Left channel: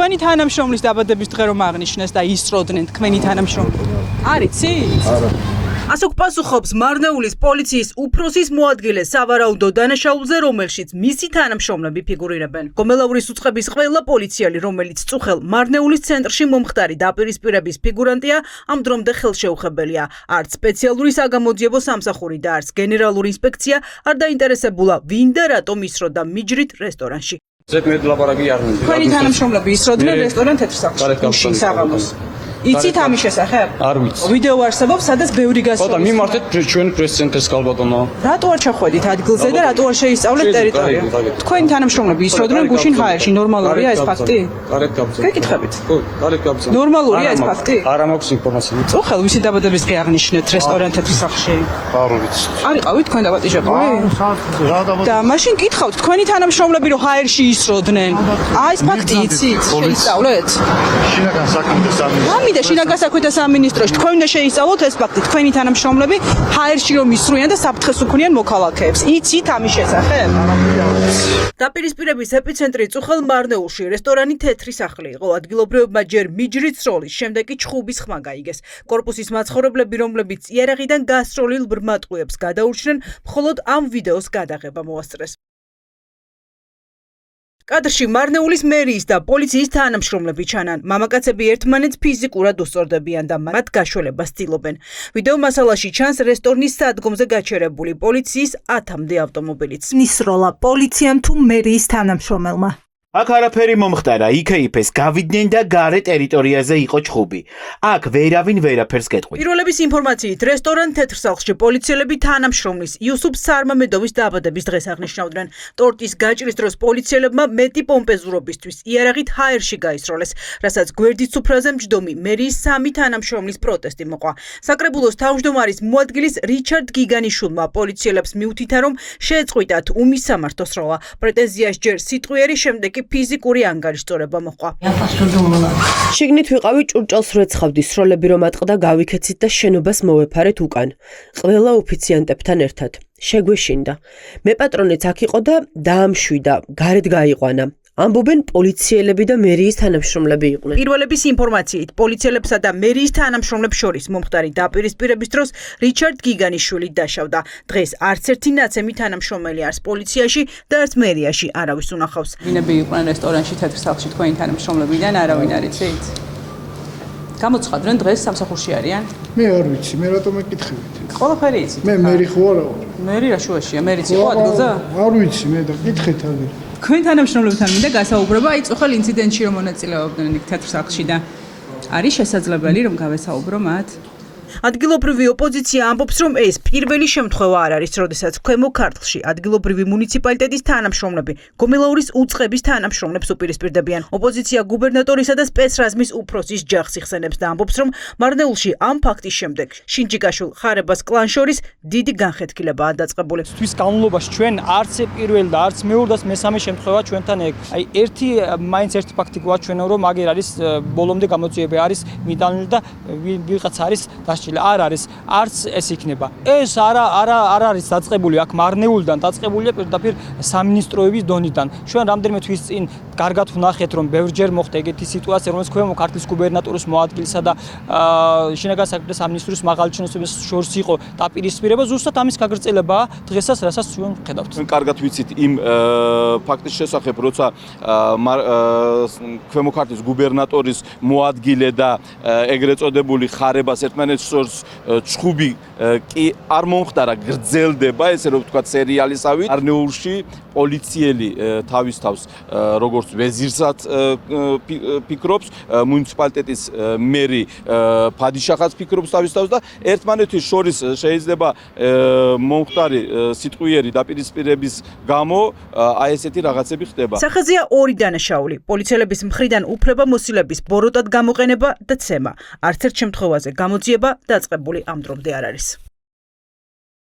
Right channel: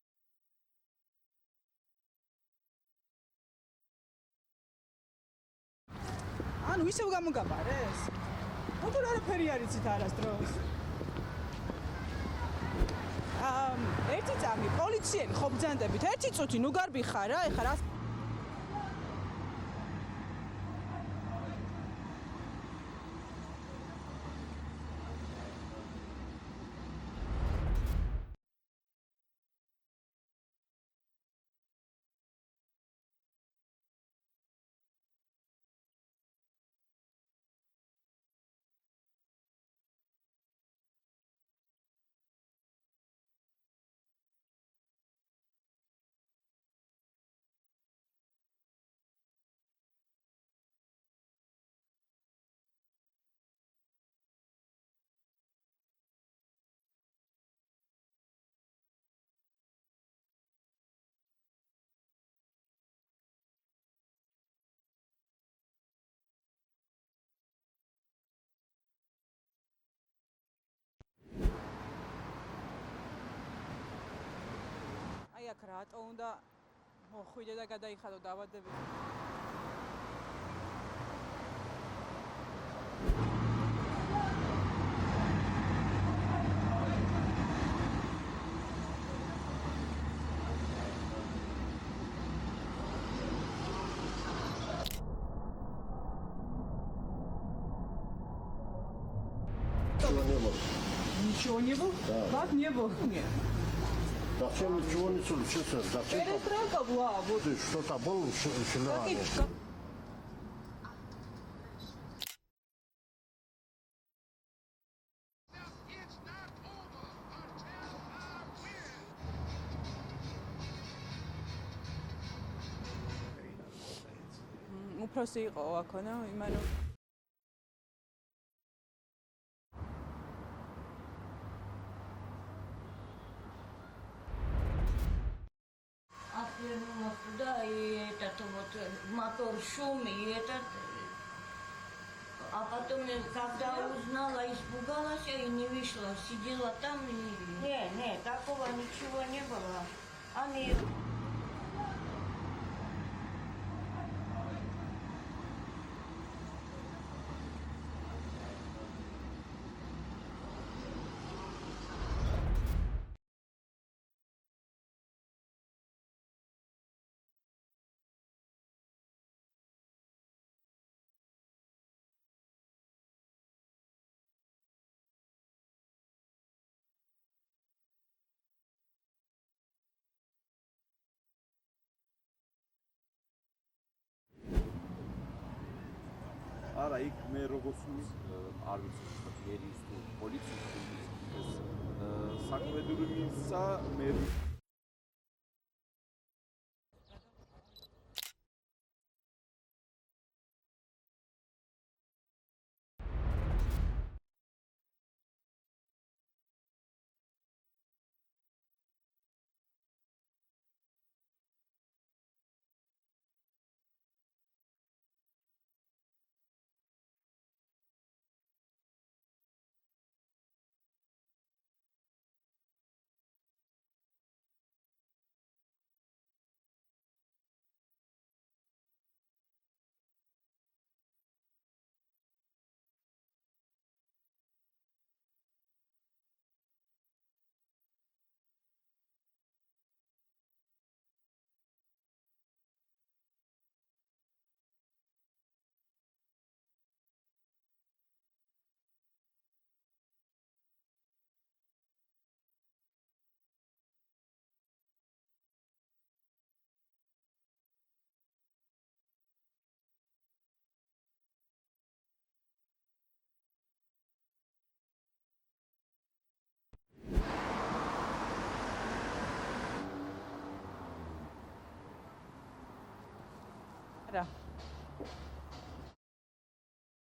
თქვენი თანამშრომლის დაბადების დღე რომ აღნიშნეს და ისწროდნენ თქვენი თანამშრომლები. არიცი? არა. ასოქ პასუხობს მარნეულის პოლიციის უფროსის მოადგილე სავარაუდო დანაშაულზე, რომელშიც მისი თანამშრომლები ფიგურირებენ. გომელაურის უწყების ყველა პოლიციელი, რომელიც წუხელ მარნეულის ცენტრში მომხდარი დაპირისპირების ფიგურანტია, ამ დრომდე ხელშეუხებელია. არც სპეციალური საგამოძიებო სამსახური და არც გენერალური ინსპექცია არ დაინტერესებულა, ვინ და რატომ ისროდა მიჯრით რესტორანში. თქვენი თანამშრომლები ისროდნენ რესტორან თეთრსახლში. საღამოს. იცით ამის შესახებ? არ ვიცი. ვიდეო არსებობს, სადაც ბევრი გასწრება. ბატონო, მიმართეთ ჩვენი პრეს-ცენტრს კალბატონო. რატო არ ჩახვედით ადგილზე და რატო არ შეისწავლეთ ტერიტორია? თქვენი თანამშრომლები ისროდნენ გუშინ ჰაერში. ნორმალურია ეს ფაქტი? გარეთ გაბრძანეთ. გეკითხებით. ხო, გარეთ გაბრძანეთ. ნორმალურია ეს ფაქტი? არა მაქვს ინფორმაცია. წუხელ ვისი დაბადების დღე აღნიშნეთ რესტორან თეთრსახლში? არ ვიცი. არ იყავით თქვენ დაბადიჟებული? და მაშინ გითხავთ თქვენი თანამშრომლები რომ ჰაერში ისროდნენ. აი ეს ფაქტი იცით? შეისწავლეთ? შინაგან საქმეთა სამინისტრო. და შინაგან საქმეთა სამინისტროში თქვენ უნდა შეისწავლოთ ეს ფაქტი. თქვენი თანამშრომლები ჰაერში რომ ისროიან და საფრთხეს უქმნიან მოქალაქეებს. იცით ამის შესახებ? დაპირისპირების ეპიცენტრი წუხელ მარნეულში რესტორანი თეთრი სახლი იყო. ადგილობრივებმა ჯერ მიჯრით სროლის, შემდეგ კი ჩხუბის ხმა გაიგეს. კორპუსის მაცხოვრებლები, რომლებიც იარაღიდან გასროლილ ბრმატყუებს გადაურჩნენ, მხოლოდ ამ ვიდეოს გადაღება მოასწრეს. კადრში მარნეულის მერიის და პოლიციის თანამშრომლები ჩანან. მამაკაცები ერთმანეთს ფიზიკურად უსწორდებიან და მათ გაშველებას ცდილობენ. ვიდეო მასალაში ჩანს რესტორნის სადგომზე გაჩერებული პოლიციის 10-მდე ავტომობილიც. ნისროლა პოლიციამ თუ მერიის თანამშრომელმა. აქ არაფერი მომხდარა, იქეიფეს გავიდნენ და გარე ტერიტორიაზე იყო ჩხუბი. აქ ვერავინ ვერაფერს გეტყვით. პირველების ინფორმაციით რესტორან თეთრსახლში პოლიციელები თანამშრომლის იუსუფ სარმამედოვის დაბადების დღეს აღნიშნავდნენ. ტორტის გაჭრის დროს პოლიციელებმა მეტი პომპეზურობისთვის იარაღით ჰაერში გაისროლეს, რასაც გვერდის სუფრაზე მჯდომი მერიის 3 თანამშრომლის პროტესტი მოყვა. საკრებულოს თავმჯდომარის მოადგილის რიჩარდ გიგანიშვილმა პოლიციელებს მიუთითა, რომ შეეწყვიტათ უმისამართო სროლა. პრეტენზიას ჯერ სიტყვიერი, შემდეგ ფიზიკური ანგარიშწორება მოყვა. შიგნით ვიყავი ჭურჭელს რეცხავდი, სროლები რომ ატყდა გავიქეცით და შენობას მოვეფარეთ უკან. ყველა ოფიციანტებთან ერთად. შეგვეშინდა. მე პატრონეც აქ იყო და დაამშვიდა, გარეთ გაიყვანა. ამბობენ პოლიციელები და მერიის თანამშრომლები იყვნენ. პირველების ინფორმაციით პოლიციელებსა და მერიის თანამშრომლებს შორის მომხდარი დაპირისპირების დროს რიჩარდ გიგანიშვილი დაშავდა. დღეს არც ერთი ნაცემი თანამშრომელი არც პოლიციაში და არც მერიაში არავის უნახავს. ვინები იყვნენ რესტორანში თეთრსახლში თქვენი თანამშრომლებიდან არავინ არ იცით? გამოცხადდნენ დღეს სამსახურში არიან? მე არ ვიცი, მე რატომ ეკითხებით? ყველაფერი იცით? მე მერი ხო არა ვარ. მერი რა შუაშია? მერიც იყო ადგილზე? არ ვიცი, მე და კითხეთ აგერ. თქვენ თანამშრომლებთან მინდა გასაუბრება აი წუხელ ინციდენტში რომ მონაწილეობდნენ იქ თეთრსახლში და არის შესაძლებელი რომ გავესაუბრო მათ? ადგილობრივი ოპოზიცია ამბობს, რომ ეს პირველი შემთხვევა არ არის, როდესაც ქვემო ქართლში ადგილობრივი მუნიციპალიტეტის თანამშრომლები გომელაურის უწყების თანამშრომლებს უპირისპირდებიან. ოპოზიცია გუბერნატორისა და სპეცრაზმის უფროსის ჯახს იხსენებს და ამბობს, რომ მარნეულში ამ ფაქტის შემდეგ შინჯიკაშვილ ხარებას კლან შორის დიდი განხეთქილებაა დაწყებული. თვის განმავლობაში ჩვენ არც პირველ და არც მეორე და მესამე შემთხვევა ჩვენთან ეგ. აი მაინც ერთი ფაქტი გვაჩვენა, რომ აგერ არის ბოლომდე გამოძიება არის მიტანილი და ვიღაც არის არ არის, არც ეს იქნება. ეს არ არის დაწყებული აქ მარნეულიდან, დაწყებულია პირდაპირ სამინისტროების დონიდან. ჩვენ რამდენიმე თვის წინ კარგად ვნახეთ, რომ ბევრჯერ მოხდა ეგეთი სიტუაცია, რომელიც ქვემო ქართლის გუბერნატორის მოადგილისა და შინაგან საქმეთა სამინისტროს მაღალი ჩინოსნების შორის იყო დაპირისპირება, ზუსტად ამის გაგრძელებაა დღესაც, რასაც ჩვენ ვხედავთ. კარგად ვიცით იმ ფაქტის შესახებ, როცა ქვემო ქართლის გუბერნატორის მოადგილე და ეგრეთ წოდებული ხარებას ერთმანეთს ჩხუბი კი არ მომხდარა, გრძელდება, ესე რომ ვთქვათ, სერიალისავით. მარნეულში პოლიციელი თავის თავს როგორც ვეზირსაც ფიქრობს, მუნიციპალიტეტის მერი ფადიშახაც ფიქრობს თავის თავს და ერთმანეთის შორის შეიძლება მომხდარი სიტყვიერი დაპირისპირების გამო აი ესეთი რაღაცები ხდება. სახეზეა ორი დანაშაული. პოლიციელების მხრიდან უფლებამოსილების ბოროტად გამოყენება და ცემა. არც ერთ შემთხვევაზე გამოძიება დაწყებული ამ დრომდე არ არის.